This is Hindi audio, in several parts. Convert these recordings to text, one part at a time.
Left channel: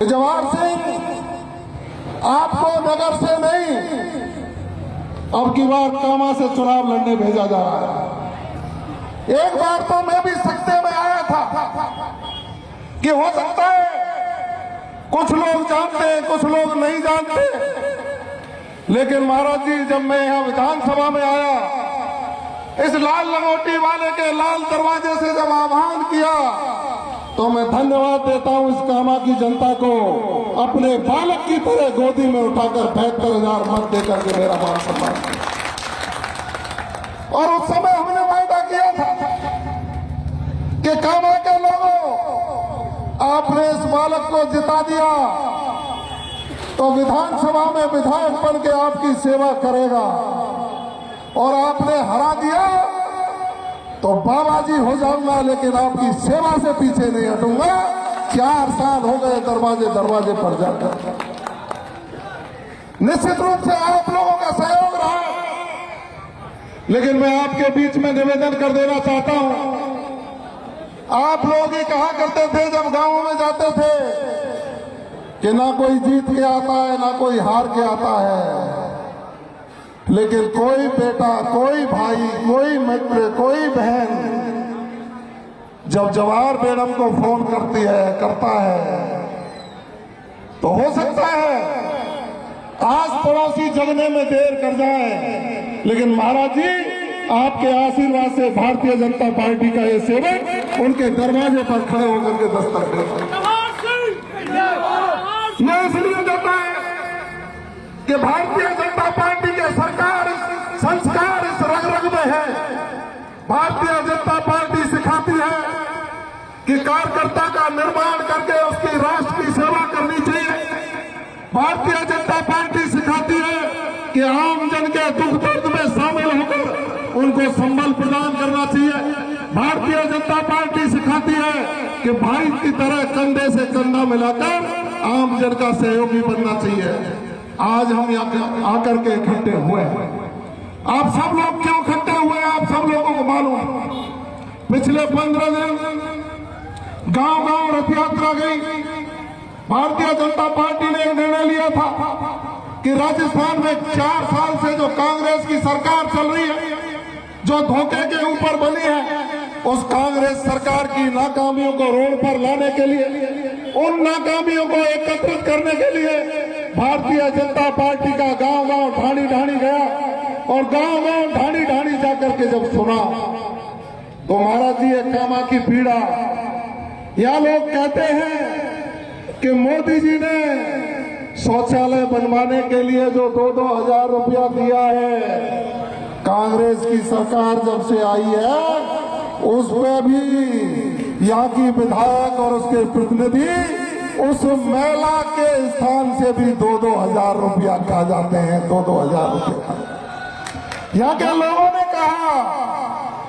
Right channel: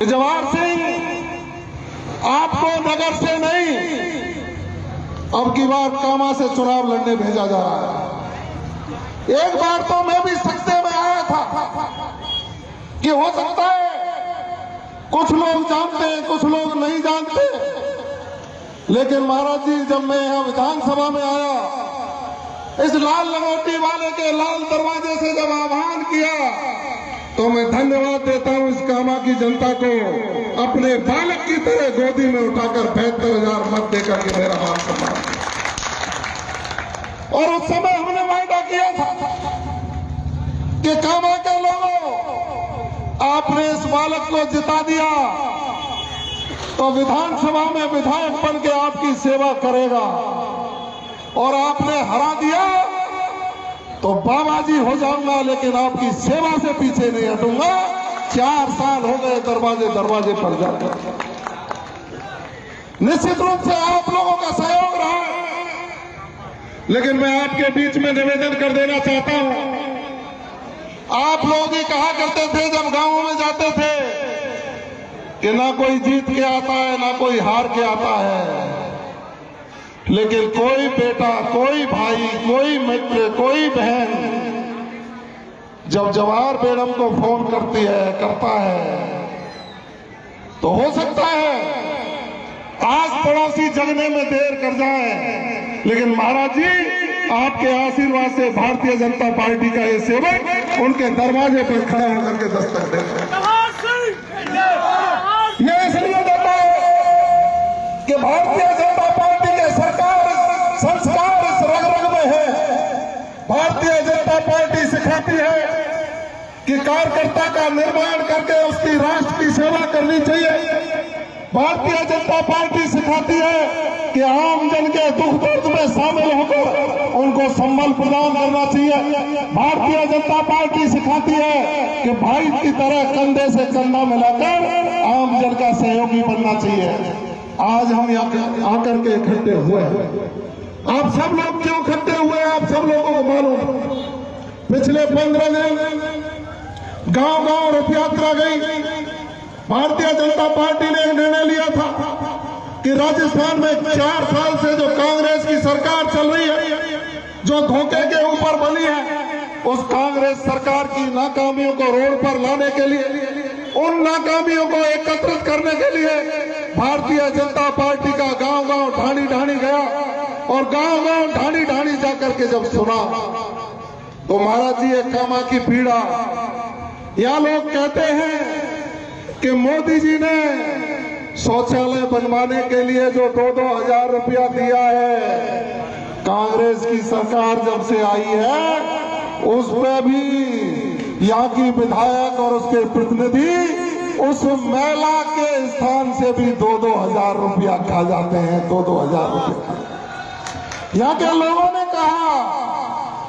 जवाहर सिंह, आपको नगर से नहीं, अब की बार कामा से चुनाव लड़ने भेजा जा रहा है। एक बार तो मैं भी सत्ते में आया था कि हो सकता है कुछ लोग जानते हैं, कुछ लोग नहीं जानते, लेकिन महाराज जी, जब मैं यहां विधानसभा में आया, इस लाल लंगोटी वाले के लाल दरवाजे से जब आह्वान किया, तो मैं धन्यवाद देता हूं इस कामा की जनता को, अपने बालक की तरह गोदी में उठाकर 72,000 मत देकर के मेरा मान सम्मान। और उस समय हमने वायदा किया था कि कामा के लोगों, आपने इस बालक को जिता दिया तो विधानसभा में विधायक बन के आपकी सेवा करेगा, और आपने हरा दिया तो बाबा जी हो जाऊंगा, लेकिन आपकी सेवा से पीछे नहीं हटूंगा। 4 साल हो गए दरवाजे दरवाजे पर जाकर। निश्चित रूप से आप लोगों का सहयोग रहा, लेकिन मैं आपके बीच में निवेदन कर देना चाहता हूं। आप लोग ही कहा करते थे जब गांवों में जाते थे कि ना कोई जीत के आता है, ना कोई हार के आता है, लेकिन कोई बेटा, कोई भाई, कोई मित्र, कोई बहन जब जवाहर मैडम को फोन करता है, तो हो सकता है आस पड़ोसी जगने में देर कर जाए, लेकिन महाराज जी, आपके आशीर्वाद से भारतीय जनता पार्टी का ये सेवक उनके दरवाजे पर खड़े होकर के दस्तक देते हैं। यह इसलिए देता है कि भारतीय जनता पार्टी के सरकार संस्कार इस रग रग में है। भारतीय जनता पार्टी सिखाती है कि कार्यकर्ता का निर्माण करके उसकी राष्ट्र की सेवा करनी चाहिए। भारतीय जनता पार्टी सिखाती है कि आम जन के दुख दर्द में शामिल होकर उनको संबल प्रदान करना चाहिए। भारतीय जनता पार्टी सिखाती है कि भाई की तरह कंधे से कंधा मिलाकर आम जन का सहयोगी बनना चाहिए। आज हम आकर के इकट्ठे हुए हैं। आप सब लोग क्यों इकट्ठे हुए, आप सब लोगों को मालूम। पिछले 15 दिन गांव गांव रथ यात्रा गई। भारतीय जनता पार्टी ने एक निर्णय लिया था कि राजस्थान में 4 साल से जो कांग्रेस की सरकार चल रही है, जो धोखे के ऊपर बनी है, उस कांग्रेस सरकार की नाकामियों को रोड पर लाने के लिए, उन नाकामियों को एकत्रित करने के लिए भारतीय जनता पार्टी का गांव गांव ढाणी ढाणी गया। और गांव गांव ढाणी ढाणी जाकर के जब सुना, तो महाराज जी, एक कामा की पीड़ा। यहाँ लोग कहते हैं कि मोदी जी ने शौचालय बनवाने के लिए जो 2-2 हजार रुपया दिया है, कांग्रेस की सरकार जब से आई है उसमें भी यहाँ की विधायक और उसके प्रतिनिधि उस महिला के स्थान से भी 2-2 हजार रुपया खा जाते हैं। 2-2 हजार रुपया। यहाँ के लोगों ने कहा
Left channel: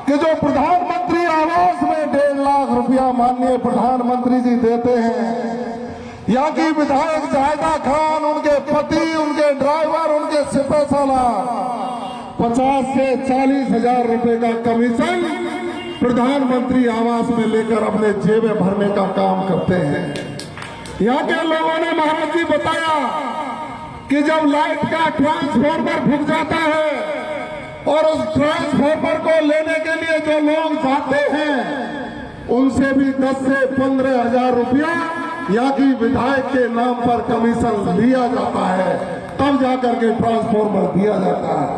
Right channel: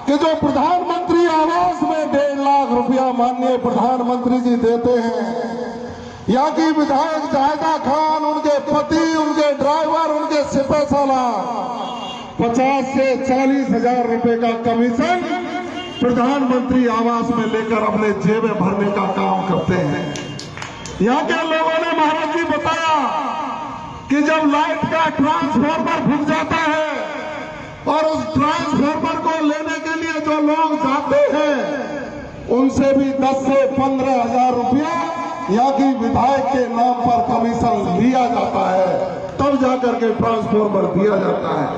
कि जो प्रधानमंत्री आवास में 1.5 लाख रुपया माननीय प्रधानमंत्री जी देते हैं, यहाँ की विधायक जाहिदा खान, उनके पति, उनके ड्राइवर, उनके सिपह सालार 50 से 40 हजार रुपए का कमीशन प्रधानमंत्री आवास में लेकर अपने जेबें भरने का काम करते हैं। यहाँ के लोगों ने महाराज जी बताया कि जब लाइट का ट्रांसफार्मर फूक जाता है और उस ट्रांसफार्मर को लेने के लिए जो लोग जाते हैं, उनसे भी 10 से 15 हजार रुपया यहाँ की विधायक के नाम पर कमीशन लिया जाता है, तब जाकर के ट्रांसफार्मर दिया जाता है।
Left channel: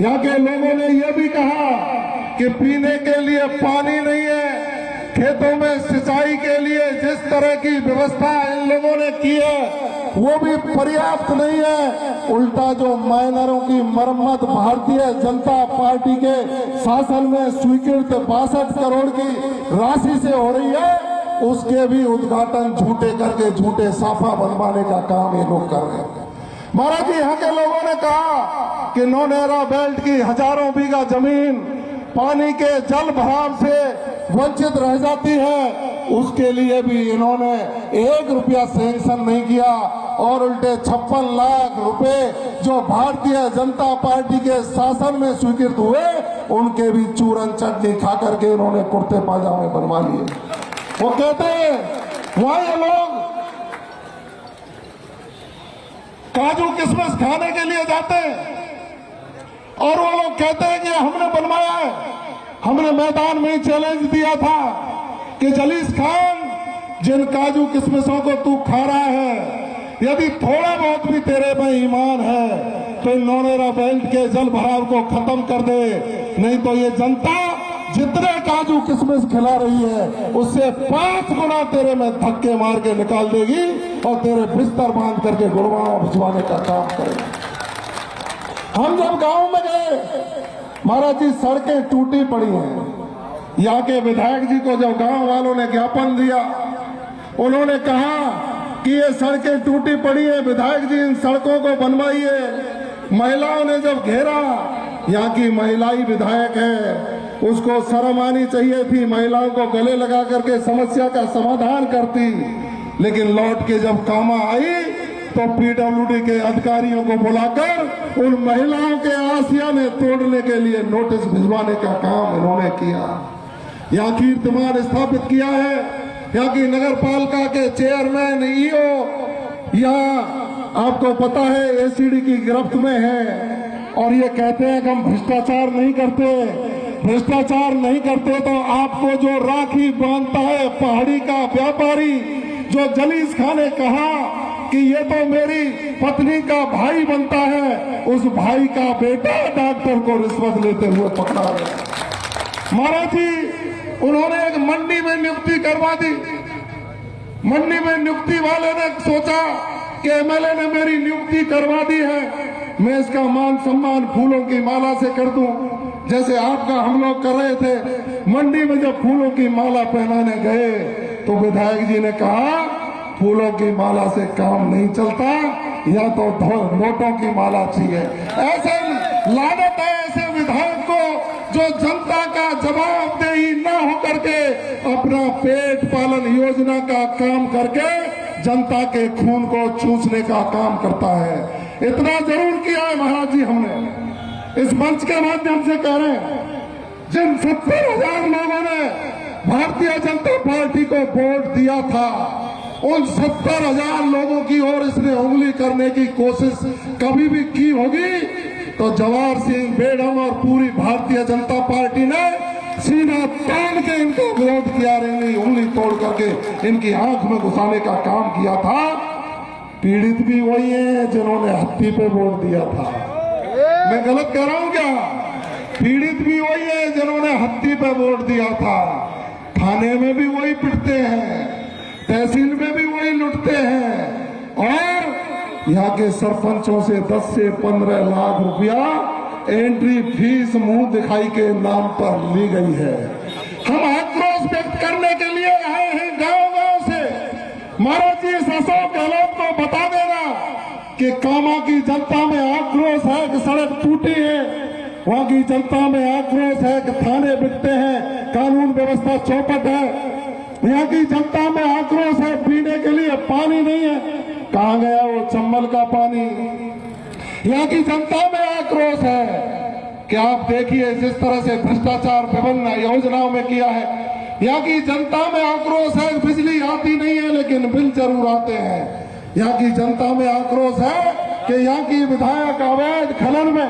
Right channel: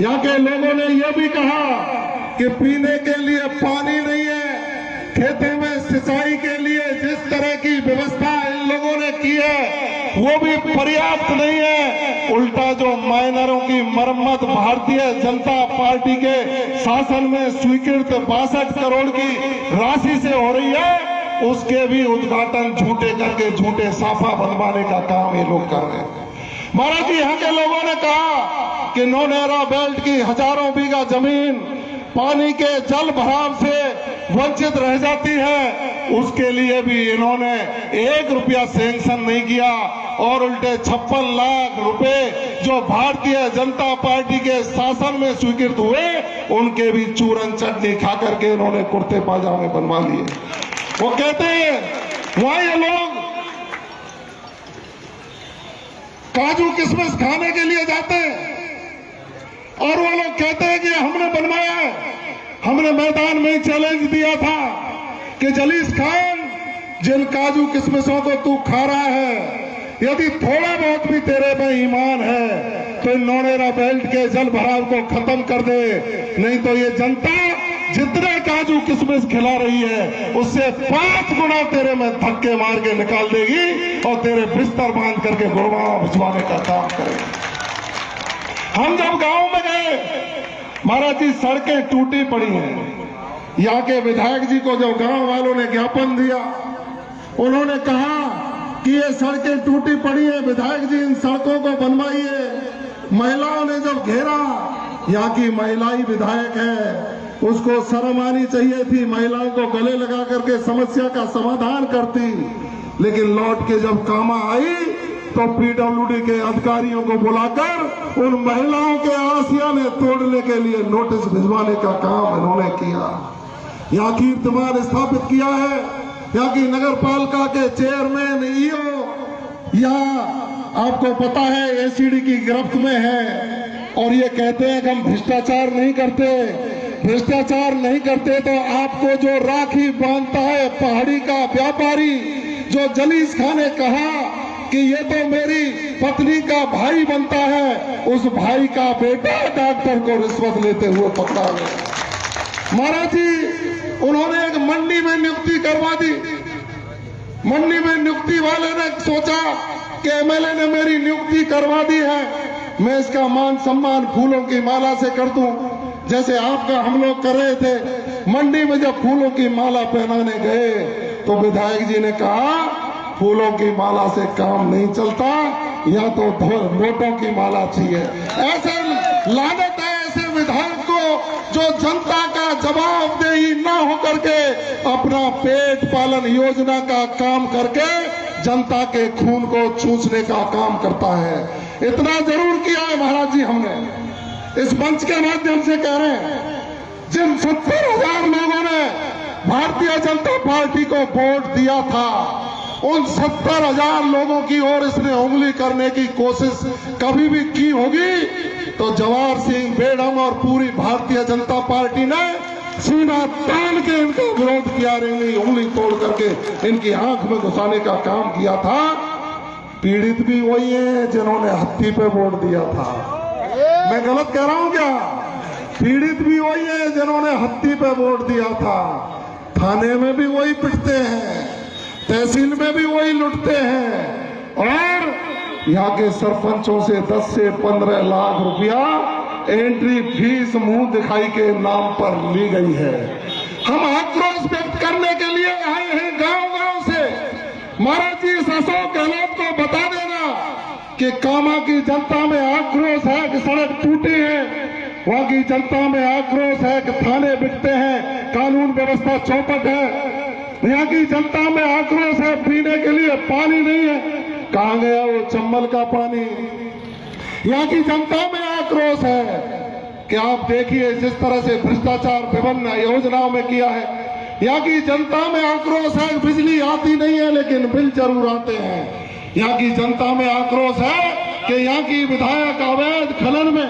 यहाँ के लोगों ने यह भी कहा कि पीने के लिए पानी नहीं है, खेतों में सिंचाई के लिए जिस तरह की व्यवस्था इन लोगों ने की है वो भी पर्याप्त नहीं है। उल्टा जो माइनरों की मरम्मत भारतीय जनता पार्टी के शासन में स्वीकृत 62 करोड़ की राशि से हो रही है, उसके भी उद्घाटन झूठे करके झूठे साफा बनवाने का काम ये लोग कर रहे हैं। महाराज जी, यहाँ के लोगों ने कहा कि नौनेरा बेल्ट की हजारों बीघा जमीन पानी के जल भराव से वंचित रह जाती है, उसके लिए भी इन्होंने 1 रुपया सैंक्शन नहीं किया और उल्टे 56 लाख रुपए जो भारतीय जनता पार्टी के शासन में स्वीकृत हुए, उनके भी चूरन चटनी खा करके इन्होंने कुर्ते पाजामे बनवा लिए। वो कहते हैं वहां ये लोग काजू किशमिश खाने के लिए जाते हैं और वो लोग कहते हैं कि हमने बनवाया है। हमने मैदान में चैलेंज दिया था कि जलीस खान, जिन काजू किशमिशों को तू खा रहा है, यदि थोड़ा बहुत भी तेरे में ईमान है तो नौनेरा बेल्ट के जल भराव को खत्म कर दे, नहीं तो ये जनता जितने काजू किशमिश खिला रही है उससे 5 गुना तेरे में धक्के मार के निकाल देगी और तेरे बिस्तर बांध करके गुड़गांव भिजवाने का काम करेगी। हम जब गांव में गए, महाराज जी सड़कें टूटी पड़ी हैं। यहाँ के विधायक जी को जब गांव वालों ने ज्ञापन दिया, उन्होंने कहा कि ये सड़कें टूटी पड़ी है, विधायक जी इन सड़कों को बनवाइए। महिलाओं ने जब घेरा, यहाँ की महिलाई विधायक है, उसको शर्म आनी चाहिए थी, महिलाओं को गले लगा करके समस्या का समाधान करती, लेकिन लौट के जब कामा आई तो पीडब्ल्यूडी के अधिकारियों को बुलाकर उन महिलाओं के आसियाने तोड़ने के लिए नोटिस भिजवाने का काम इन्होंने किया। यहाँ कीर्तिमान स्थापित किया है। यहाँ की नगर पालिका के चेयरमैन, ईओ यहाँ आपको पता है एसीडी की गिरफ्त में है और ये कहते हैं कि हम भ्रष्टाचार नहीं करते। भ्रष्टाचार नहीं करते तो आपको जो राखी बांधता है पहाड़ी का व्यापारी, जो जलीस खान ने कहा कि ये तो मेरी पत्नी का भाई बनता है, उस भाई का बेटा डॉक्टर को रिश्वत लेते हुए पकड़ा गया। महाराज जी उन्होंने एक मंडी में नियुक्ति करवा दी। मंडी में नियुक्ति वाले ने सोचा कि एमएलए ने मेरी नियुक्ति करवा दी है, मैं इसका मान सम्मान फूलों की माला से कर दूं, जैसे आपका हम लोग कर रहे थे। मंडी में जब फूलों की माला पहनाने गए तो विधायक जी ने कहा फूलों की माला से काम नहीं चलता, या तो नोटों की माला चाहिए। ऐसे लानत है ऐसे विधायक को जो जनता का जवाबदेही न होकर के अपना पेट पालन योजना का काम करके जनता के खून को चूसने का काम करता है। इतना जरूर किया है महाराज जी, हमने इस मंच के माध्यम से कह रहे हैं, जिन 70,000 लोगों ने भारतीय जनता पार्टी को वोट दिया था, उन 70,000 लोगों की ओर इसने उंगली करने की कोशिश कभी भी की होगी तो जवाहर सिंह बेड़म और पूरी भारतीय जनता पार्टी ने सीना तान के इनका विरोध किया, उंगली तोड़ करके इनकी आंख में घुसाने का काम किया था। पीड़ित भी वही है जिन्होंने हत्ती पे वोट दिया था। मैं गलत कह रहा हूं क्या? पीड़ित भी वही है जिन्होंने हत्ती पे वोट दिया था। थाने में भी वही पिटते हैं, तहसील में भी वही लुटते हैं और यहाँ के सरपंचों से 10 से 15 लाख रुपया एंट्री फीस मुंह दिखाई के नाम पर ली गई है। हम आक्रोश व्यक्त करने के लिए आए हैं गांव-गांव से। महाराज जी इस अशोक गहलोत को बता देना कि कामा की जनता में आक्रोश है कि सड़क टूटी है, वहां की जनता में आक्रोश है कि थाने बिकते हैं, कानून व्यवस्था चौपट है, यहाँ की जनता में आक्रोश है पीने के लिए पानी नहीं है, कहाँ गया वो चंबल का पानी। यहाँ की जनता में आक्रोश है कि आप देखिए जिस तरह से भ्रष्टाचार विभिन्न योजनाओं में किया है। यहाँ की जनता में आक्रोश है बिजली आती नहीं है लेकिन बिल जरूर आते हैं। यहाँ की जनता में आक्रोश है कि यहाँ की विधायक अवैध खनन में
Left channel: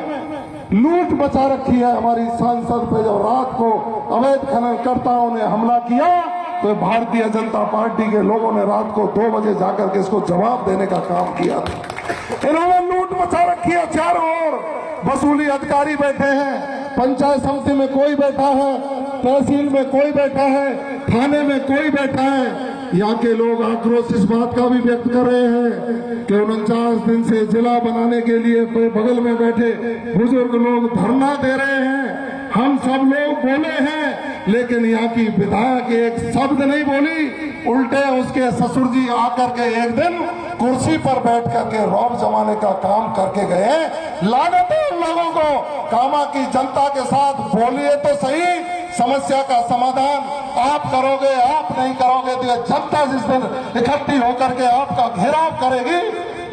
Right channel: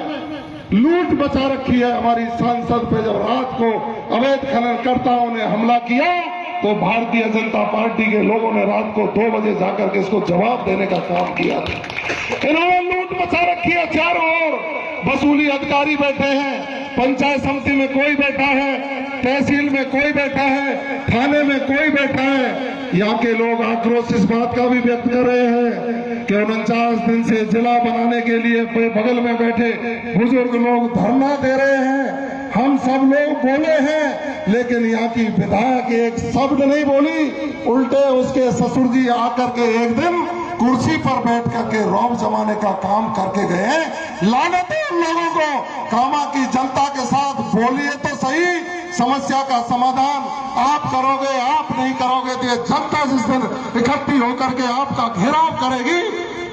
लूट मचा रखी है। हमारी सांसद पे जब रात को अवैध खननकर्ताओं ने हमला किया तो भारतीय जनता पार्टी के लोगों ने रात को 2 बजे जाकर के इसको जवाब देने का काम किया था। इन्होंने लूट मचा रखी है चारों ओर। वसूली अधिकारी बैठे हैं, पंचायत समिति में कोई बैठा है, तहसील में कोई बैठा है, थाने में कोई बैठा है। यहाँ के लोग आक्रोश इस बात का भी व्यक्त कर रहे हैं कि 49 दिन से जिला बनाने के लिए बगल में बैठे बुजुर्ग लोग धरना दे रहे हैं। हम सब लोग बोले हैं लेकिन यहाँ की विधायक एक शब्द नहीं बोली, उल्टे उसके ससुर जी आकर के एक दिन कुर्सी पर बैठ करके रौब जमाने का काम करके गए। लानत है उन लोगों को। कामा की जनता के साथ बोलिए तो सही, समस्या का समाधान आप करोगे, आप नहीं करोगे तो ये जनता जिस दिन इकट्ठी होकर के आपका घेराव करेगी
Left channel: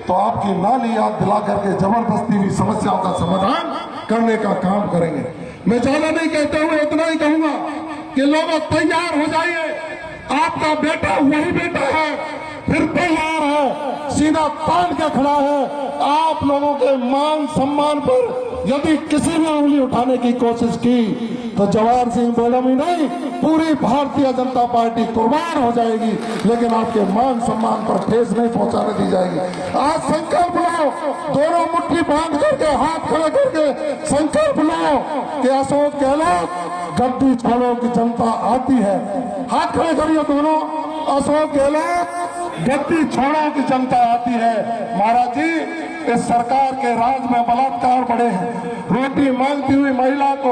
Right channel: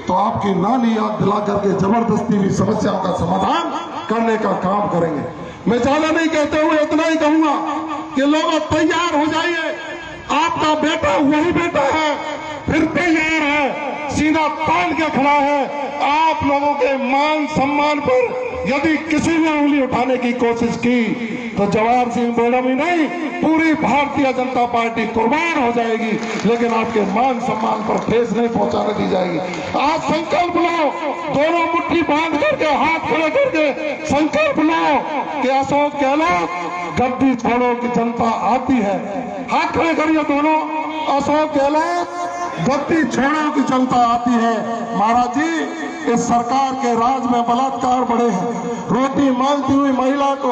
तो आपकी नाली आग दिला करके जबरदस्ती भी समस्या का समाधान करने का काम करेंगे। मैं ज्यादा नहीं कहते हुए इतना ही कहूंगा कि लोग तैयार हो जाइए। आपका बेटा वही बेटा है, फिर तैयार है, सीना तान के खड़ा है। आप लोगों के मान सम्मान पर यदि किसी ने उंगली उठाने की कोशिश की तो जवाहर सिंह मैडम ही नहीं, पूरी भारतीय जनता पार्टी कुर्बान हो जाएगी, लेकिन आपके मान सम्मान पर ठेस नहीं पहुंचाने दी जाएगी। आज संकल्प लो, दोनों मुट्ठी बांध करके हाथ खड़े करके संकल्प लो कि अशोक गहलोत गद्दी छोड़ो की जनता आती है। हाथ खड़े करिए दोनों, अशोक गहलोत गद्दी छोड़ो की जनता आती है। महाराज जी, इस सरकार के राज में बलात्कार बढ़े हैं। रोटी मांगती हुई महिला को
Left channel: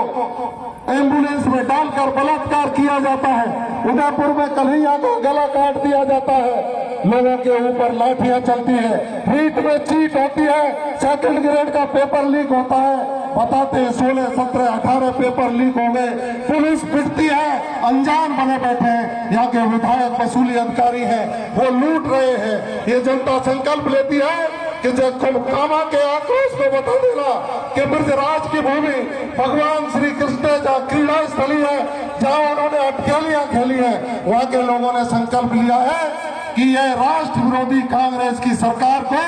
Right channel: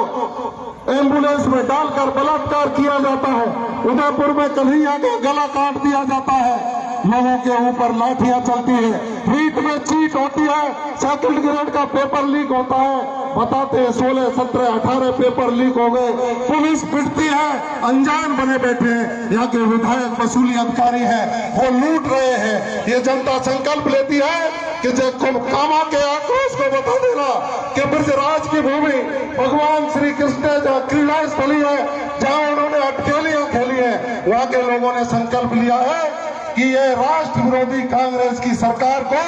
एम्बुलेंस में डालकर बलात्कार किया जाता है। उदयपुर में कन्हैया का गला काट दिया जाता है। लोगों के ऊपर लाठियां चलती है, रीट में चीट होती है, सेकंड ग्रेड का पेपर लीक होता है। बताते हैं 16, 17, 18 पेपर लीक हो गए। पुलिस पिटती है, अनजान बने बैठे हैं। यहाँ के विधायक वसूली अधिकारी हैं, वो लूट रहे हैं। ये जनता संकल्प लेती है कि जब कामा के आक्रोश को बता देना कि ब्रजराज की भूमि भगवान श्री कृष्ण का क्रीड़ा स्थली है, जहाँ उन्होंने अटकेलियां खेली है, वहाँ के लोगों ने संकल्प लिया है कि ये राष्ट्र विरोधी कांग्रेस की सरकार को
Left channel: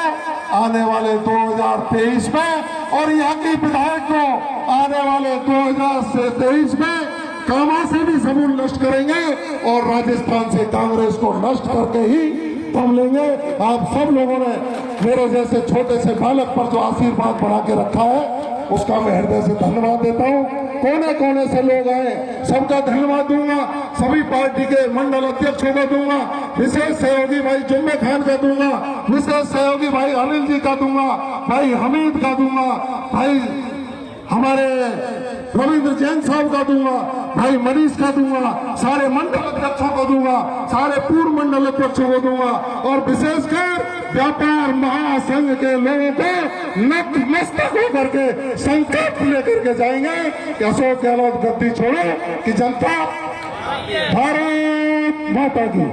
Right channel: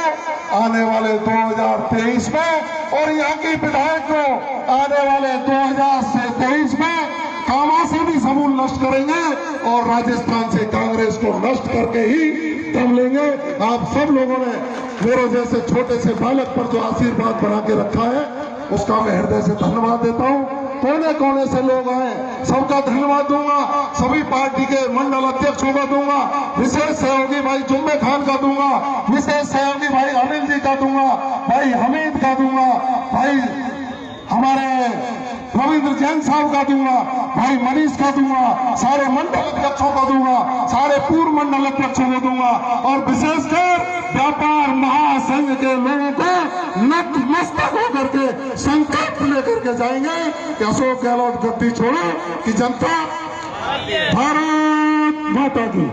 आने वाले 2023 में और यहाँ के विधायक को आने वाले 2023 में कामा से भी समूल नष्ट करेंगे और राजस्थान से कांग्रेस को नष्ट करके ही दम लेंगे। आप सब लोगों ने मेरे जैसे छोटे से बालक पर जो आशीर्वाद बना के रखा है, उसका मैं हृदय से धन्यवाद देता हूँ। कोने कोने से लोग आए, सबका धन्यवाद दूंगा। सभी पार्टी के मंडल अध्यक्षों को दूंगा, विशेष सहयोगी भाई जुम्मे खान का दूंगा, विशेष सहयोगी भाई अनिल जी का दूंगा, भाई हमीद का दूंगा, भाई हमारे रविंद्र जैन साहब का दूंगा, भाई मनीष का दूंगा, सारे मंडल अध्यक्षों को दूंगा, सारे पूर्व मंडल अध्यक्षों को दूंगा और विशेषकर व्यापार महासंघ के लोगों को नतमस्तक होकर के संकल्प लेकर के जाएंगे कि अशोक गहलोत गद्दी छोड़ो कि जनता भारत माता की